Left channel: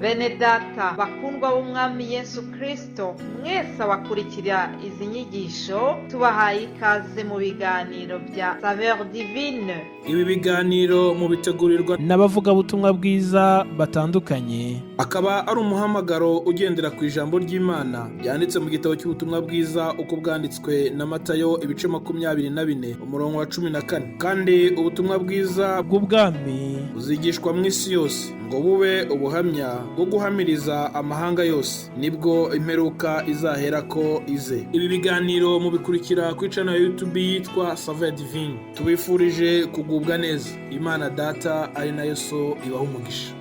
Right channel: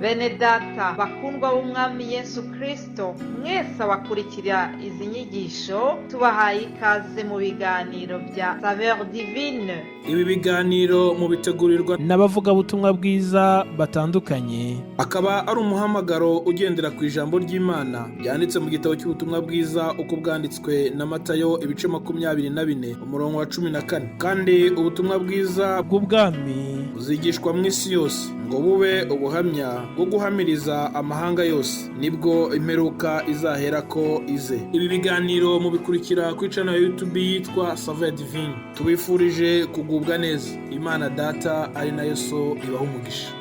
Bene data bakundwa b'umwami Yesu Kristo, mwese abakurikira izi nyigisho tubahaye ikaze mu biganiro bya Saveur Divine. Ibi biganiro mu bitegurirwa n'abavugabutumwa bwiza batandukanye, akaba ari umuhamagaro ugendera ku ijambo ry'Imana byanditse mu gitabo cy'ubutumwa bwiza uko bwanditswe na Matayo ibice 24 umurongo wa 14. Kandi ubutumwa bwiza bw'ubwami buzigishwa mu isi yose ngo bube ubuhamya bwo guhamiriza amahanga yose, nibwo imperuka izahera ko ize. Ibi biganiro mubikurikira ku channel ya YouTube yitwa Saveur Divine. Tubifurije kugubwa neza. Imana Data ari nayo So ibaha umugisha.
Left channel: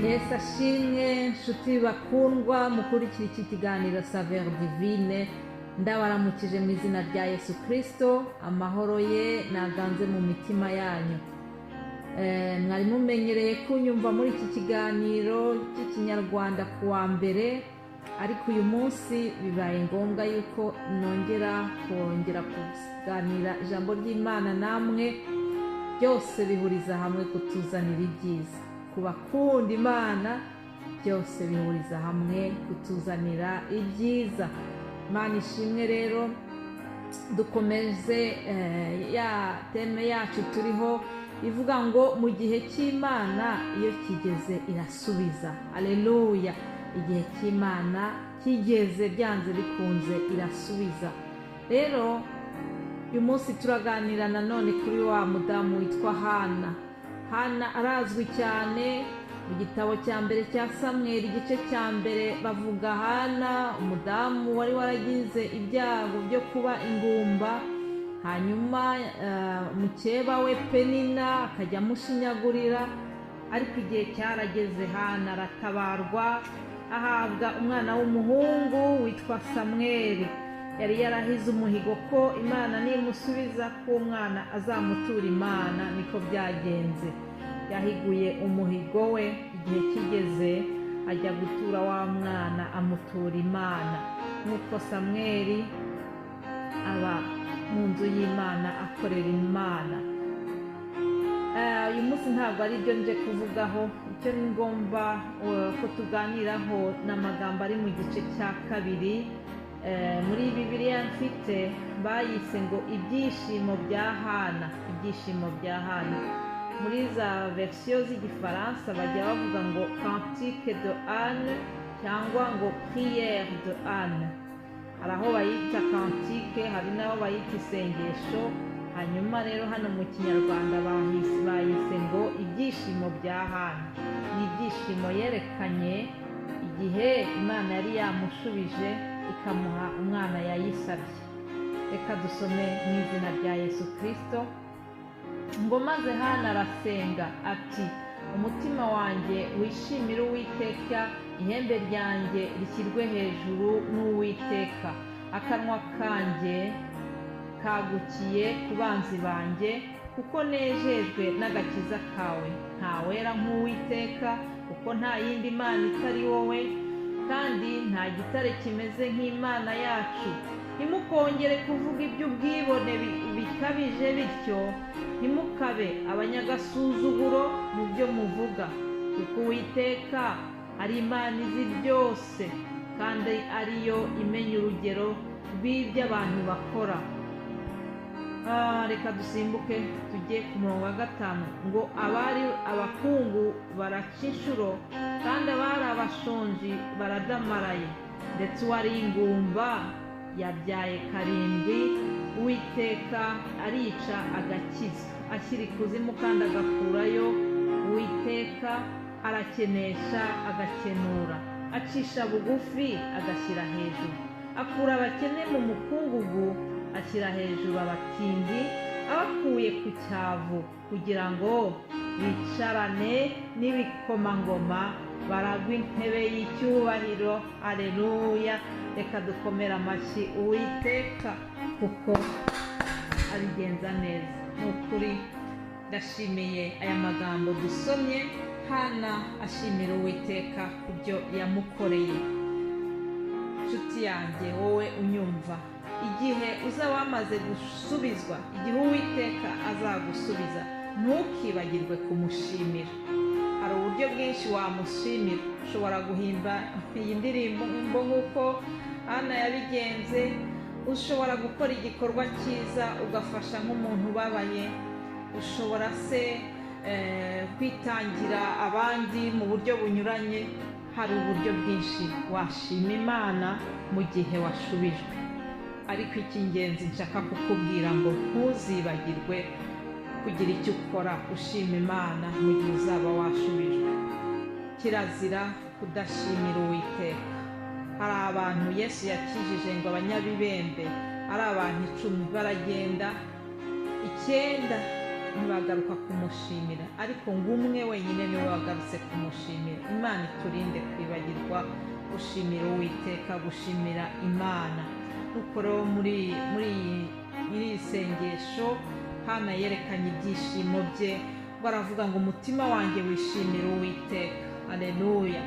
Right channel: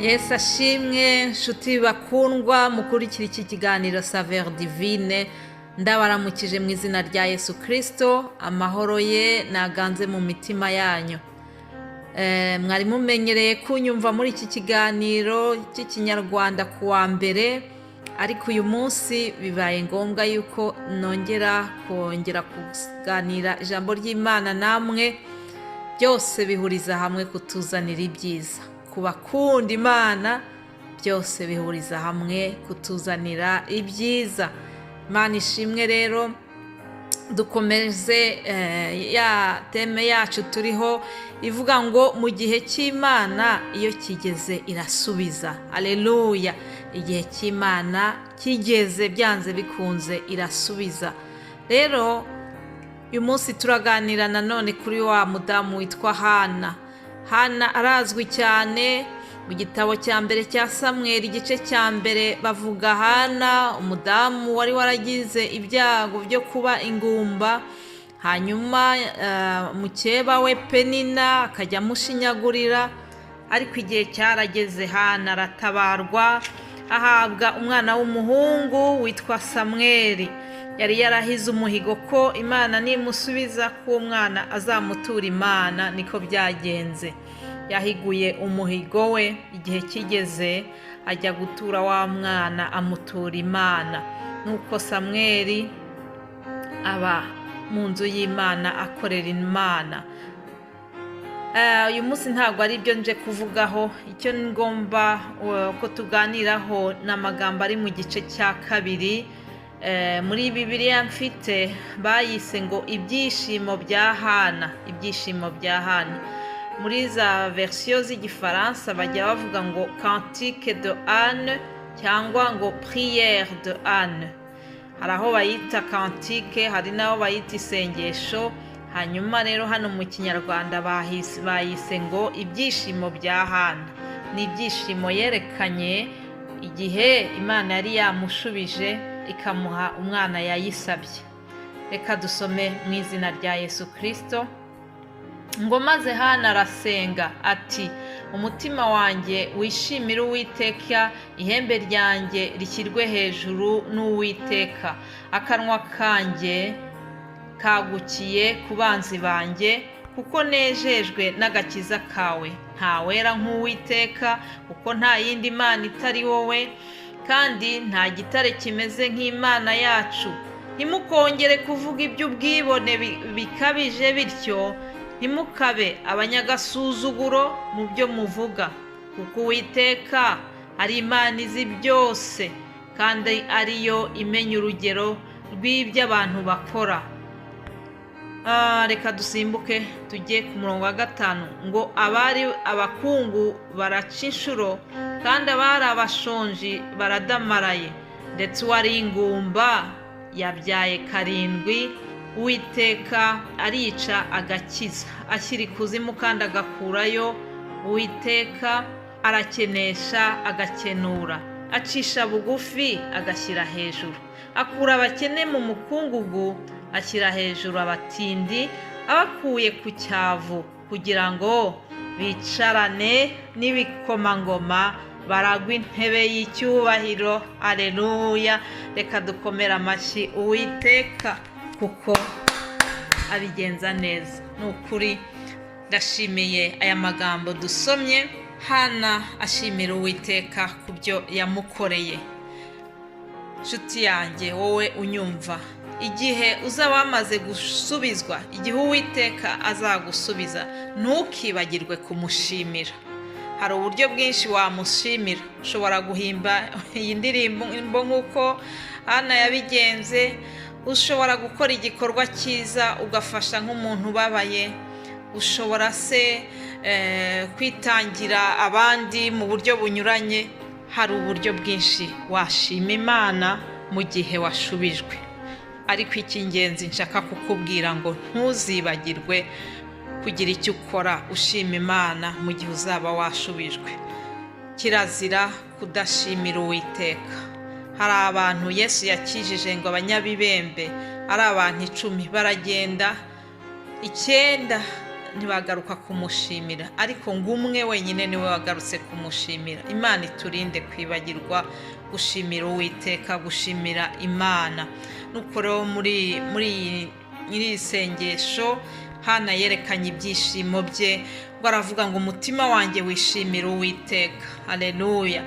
Yesu ashimwe, nshuti bakundwa mukurikira iki kiganiro Saveur Divine. Ndabaramukije mu izina rya Yesu Kristo, amahoro ye naganze mu mitima yanyu. Mwari mumenyereye kunyumva muri iki kiganiro cy'ikinyarwanda kuwa mbere, ariko uyu munsi bibaye ngombwa yuko nongera kuganira ijambo ry'Imana namwe. Byose bihuriza hamwe kutuzanira ibyiza. Ku bakunda Imana byose bihuriza hamwe kutuzanira ibyiza. Imana ishimwe. Rero dukomeze ya teme yacu turiho ivuga ngo mu gihe cy'Imana iyo kigeze irasubiza. Haleluya! Igihe cy'Imana kigeze byanze bikunze irasubiza. Rero uyu munsi turaganira nanone kuri wa mudamu witwa Hana. Hana arazwi cyane mu gitabo cya mbere cya Samweli igice cya mbere. Bavuga Hana, umudamu wari waragize ibyago byo kuba ingumba, hanyuma mukeba we Penina akajya amushinyagurira, ariko igihe cyarageze Hana aratabarwa, ahabwa umwana w'umuhungu witwa Samweli. Yari yarahize umuhigo ko Imana nimusubiza ko umwana azamutura Imana. Niko byagenze, yahiguye umuhigo we, igihe kigeze ajya gutura wa mwana amutura Imana. Nuko Samweli aba mu nzu y'Imana akorera Imana. Uyu munsi ntabwo ari byo nje kuvugaho. Icyo ngomba ko tuganiraho n'amagambo ari mu gice cya 2 muri Bibiliya mfite, bayise ngo ibyishimo bya Hana. Ibyishimo bya Hana muri za version z'igifaransa bajya bavuga ngo Cantique de Anne cyangwa ngo Prière de Anne. Hari aho bayita Cantique, hari naho bayita isengesho. Hanyuma rero hano mu kinyarwanda bayise ngo ibyishimo bya Hana. Ni ibyishimo yerekanye igihe Imana yari yamushubije ikamuha umwana yayisabye. Reka dusome mu izina rya Yesu Kristo. Ngo maze Hana arasenga ati, umutima wanjye wishimire Uwiteka, ihembe ryanjye rishyirwe hejuru n'Uwiteka. Akanwa kanjye kagukiye ku banzi banjye, kuko nejejwe n'agakiza kawe. Nta wera nk'Uwiteka, kuko nta yindi Mana itari wowe, kandi nta gitare kimeze nk'Imana yacu. Ntimukongere kuvuga iby'ubwibone bikabije bityo, ntimukabe abanyagasuzuguro mu byo muvuga, kuko Uwiteka ari Imana izi byose, kandi ariyo imenya urugero rw'ibyo abantu bakora. Reka dusimbuke tujye ku murongo wa 5 ngo abari abakungu baraca inshuro, kandi abari abashonji baradamaraye, ndetse uwari ingumba yabyaye 7. Uwiteka arica agakiza, ashyira ikuzimu kandi agakurayo. Uwiteka arakenesha agakenura, acisha bugufi agashyira hejuru. Akura abakene mu mukungugu, ashyira hejuru abatindi, abakuye ku cyavu, kugira ngo bicarane n'ibikomangoma, baragwa intebe y'icyubahiro. Aleluya! Reka dukomere amashyi Uwiteka, kuko abigenza neza. Ni ukuri ndashimiye aya magambo dusomye. Hana ashimira Uwiteka ku byo yamukoreye. Nshuti yanjye wowe unyumva, igihe uzaba wamaze gusubizwa, igihe Uwiteka azagusubiza, ntukibagirwe kumushimira. Hari uburyo bwinshi wamushimira. Ushobora guhimba iyi ndirimbo nk'uko Hana yabigenze, ushobora gukora igikorwa cyiza ugafasha nk'umuntu ubabaye, ushobora se kwitangira abandi mu buryo bunyuranye. Hari uburyo bwinshi washima Imana mu gihe washubijwe, ariko icy'ingenzi nshaka kukubwira ngo ntuzibagirwe kugira icyo ukora ushima Imana mu gihe uzaba washubijwe. Kirazira kudashimira Uwiteka. Hari abantu Yesu yakijije ngo abanyabibembe ari abantu 10 baragenda, 9 ntibagaruka kumushimira, ariko ngo umwe wenyine niwe wagarutse kumushimira. Imana iturinde kwibagirwa gushimira Uwiteka, gushimira Imana. Nuko rero muri iri sengesho Hana yerekanye ibyishimo bye, ngo aravuga ngo umutima wanjye wishimira Uwiteka. Haleluya.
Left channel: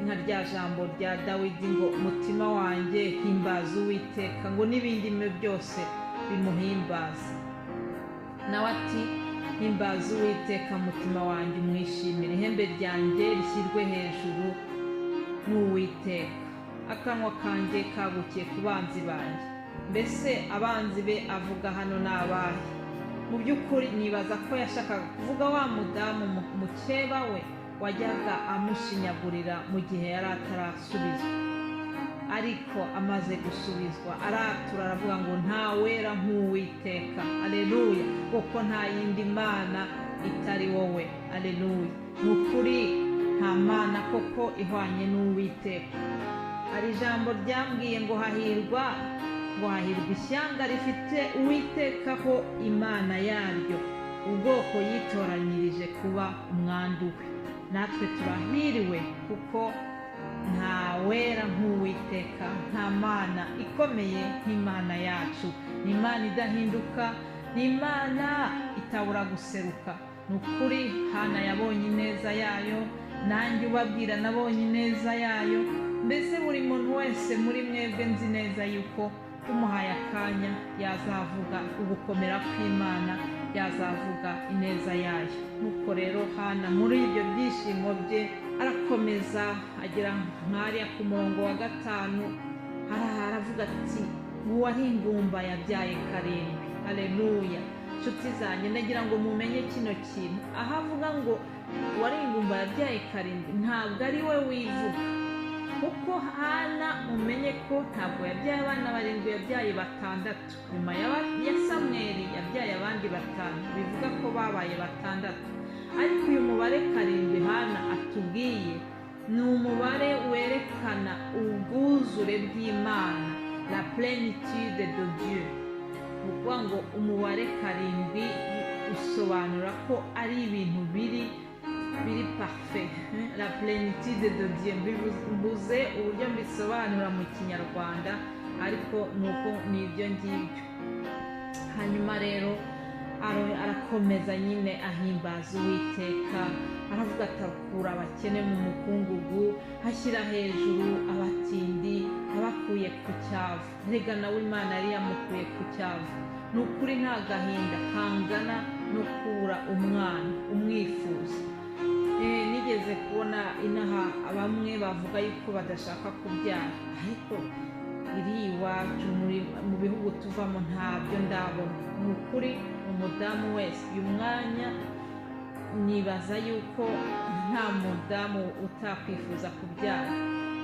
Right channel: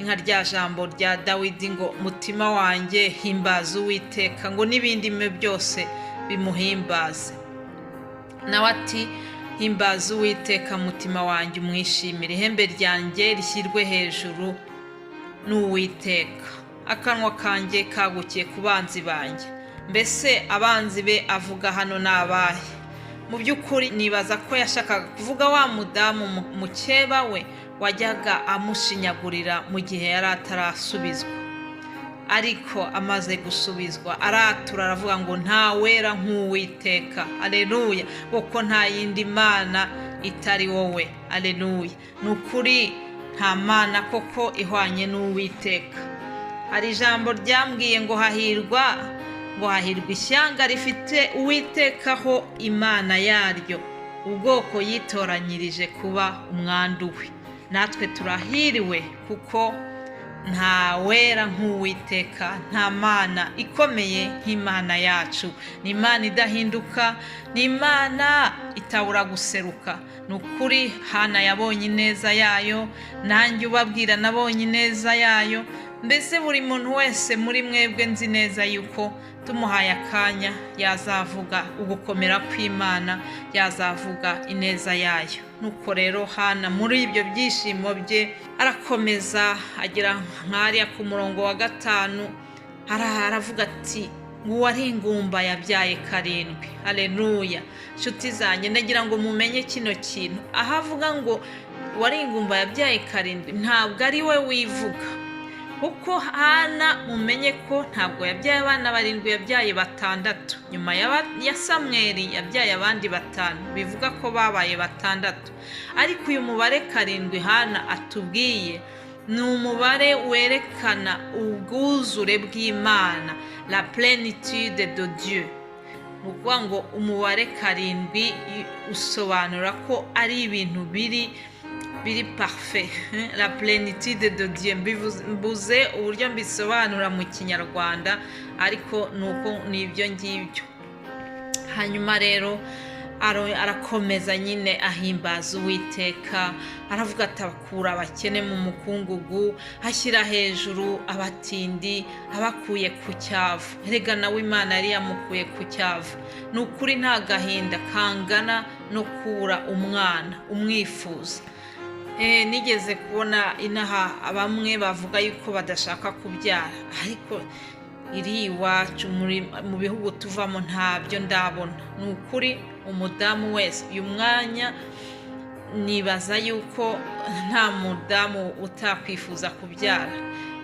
Inka rya jambo rya Dawidi ngo umutima wanjye himbaza Uwiteka, ngo n'ibindi byose bimuhimbaze. Nawe ati himbaza Uwiteka umutima wanjye umwishimire, ihembe ryanjye rishyirwe hejuru n'Uwiteka. Akanwa kanjye kagukiye ku banzi banjye. Mbese abanzi be avuga hano ni abahe? Mu by'ukuri nibaza ko yashakaga kuvuga wa mudamu mukeba we wajyaga amushinyagurira mu gihe yari atarasubizwa, ariko amaze gusubizwa aratura, aravuga ngo nta wera nk'Uwiteka. Aleluya. kuko nta yindi mana itari wowe. Aleluya. Ni ukuri nta mana koko ihwanye n'Uwiteka. Hari ijambo ryambwiye ngo hahirwa ishyanga rifite Uwiteka ho Imana yaryo, ubwoko yitoranyirije kuba umwandu we. Natwe turahiriwe kuko nta wera nk'Uwiteka, nta mana ikomeye nk'Imana yacu. Ni Imana idahinduka, ni Imana itabura guseruka. Ni ukuri Hana yabonye ineza yayo, nanjye ubabwira nabonye ineza yayo. Mbese buri muntu wese muri mwebwe nzi neza yuko tumuhaye akanya yazavuga ugukomera kw'Imana, yazavuga ineza yayo. Nuko rero Hana muri ibyo byishimo bye arakomeza agira nk'ariya ku murongo wa 5 aravuga ati ngo wari ingumba yabyaye 7. Haleluya. Nshuti zanjye ndagira ngo mumenye kino kintu. Aho avuga ngo wari ingumba yabyaye 7, ntabwo ari we wivuga, kuko Hana mumenye ko ntabwo yabyaye abana 7, yabyaye 6. Nyuma ya Samweli yabyaye abandi 5, bivuga ko babaye 6. Ariko uyu mubare 7 Hana atubwiye ni umubare werekana ubwuzure bw'Imana, la plénitude de Dieu. Ukuvuga ngo umubare 7 usobanura ko ari ibintu biri parfait, la plénitude de Dieu. Mbuze uburyo mbisobanura mu Kinyarwanda, ariko nuko nibyo ngibyo. Hanyuma rero arakomeza nyine ahimbaza Uwiteka, aravuga ati akura abakene mu mukungugu, ashyira hejuru abatindi, abakuye ku cyavu. Erega nawe Imana yari yamukuye ku cyavu. Ni ukuri nta gahinda kangana no kubura umwana umwifuza. Nigeze kubona inaha bamwe bavuga yuko badashaka kubyara, ariko iri iwacu mu bihugu tuvamo ntabyo ndabona. Ni ukuri umudamu wese uyu mwanya nibaza yuko nta mudamu utakwifuza kubyara.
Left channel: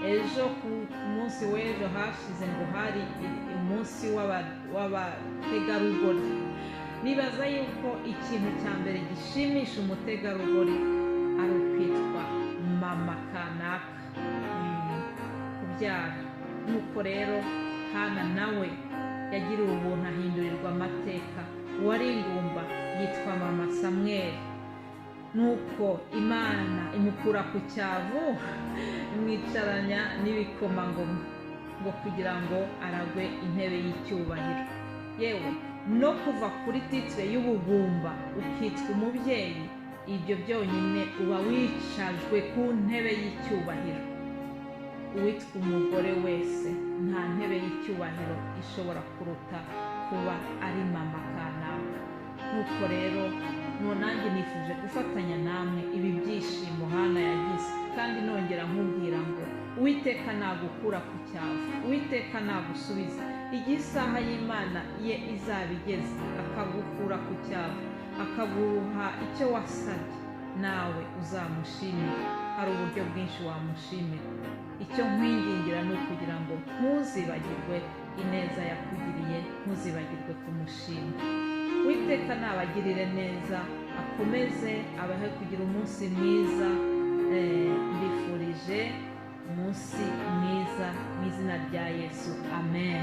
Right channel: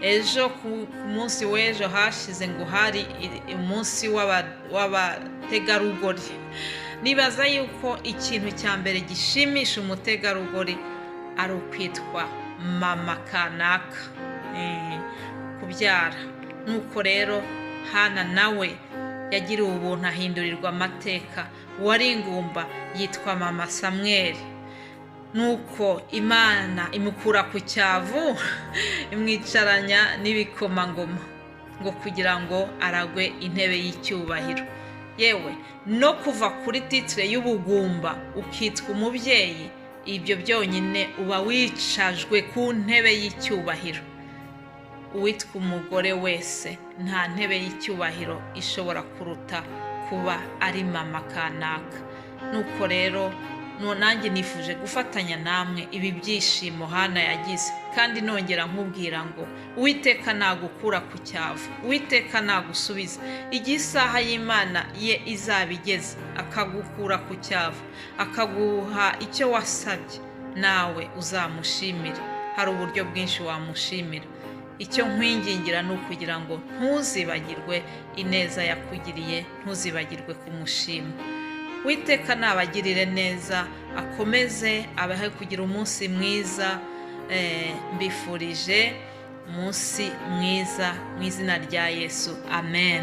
Ejo ku munsi w'ejo hashize ngo hari umunsi w'abategarugori. Nibaza yuko ikintu cya mbere gishimisha umutegarugori ari ukwitwa mama kanaka, kubyara. Nuko rero Hana nawe yagiriwe ubuntu ahindurirwa amateka. Uwari ingumba yitwa mama Samweli. Nuko Imana imukura ku cyavu imwicaranya n'ibikomangoma, ngo kugira ngo aragwe intebe y'icyubahiro. Yewe no kuva kuri titire y'ubugumba ukitwa umubyeyi, ibyo byonyine uba wicajwe ku ntebe y'icyubahiro. uwitwa umugore wese nta ntebe y'icyubahiro ishobora kuruta kuba ari mama kanaka. Nuko rero nanjye nifuje gufatanya namwe ibi byishimo Hana yagize, kandi nongera nkubwira ngo Uwiteka nagukura ku cyavu, Uwiteka nagusubiza igihe isaha y'Imana ye izaba igeze, akagukura ku cyavu, akaguha icyo wasabye, nawe uzamushimire. Hari uburyo bwinshi wamushimira. Icyo nkwingingira ni ukugira ngo ntuzibagirwe ineza yakugiriye, ntuzibagirwe kumushima. Uwiteka nabagirire neza, akomeze abahe kugira umunsi mwiza. Mbifurije umunsi mwiza mu izina rya Yesu, amen.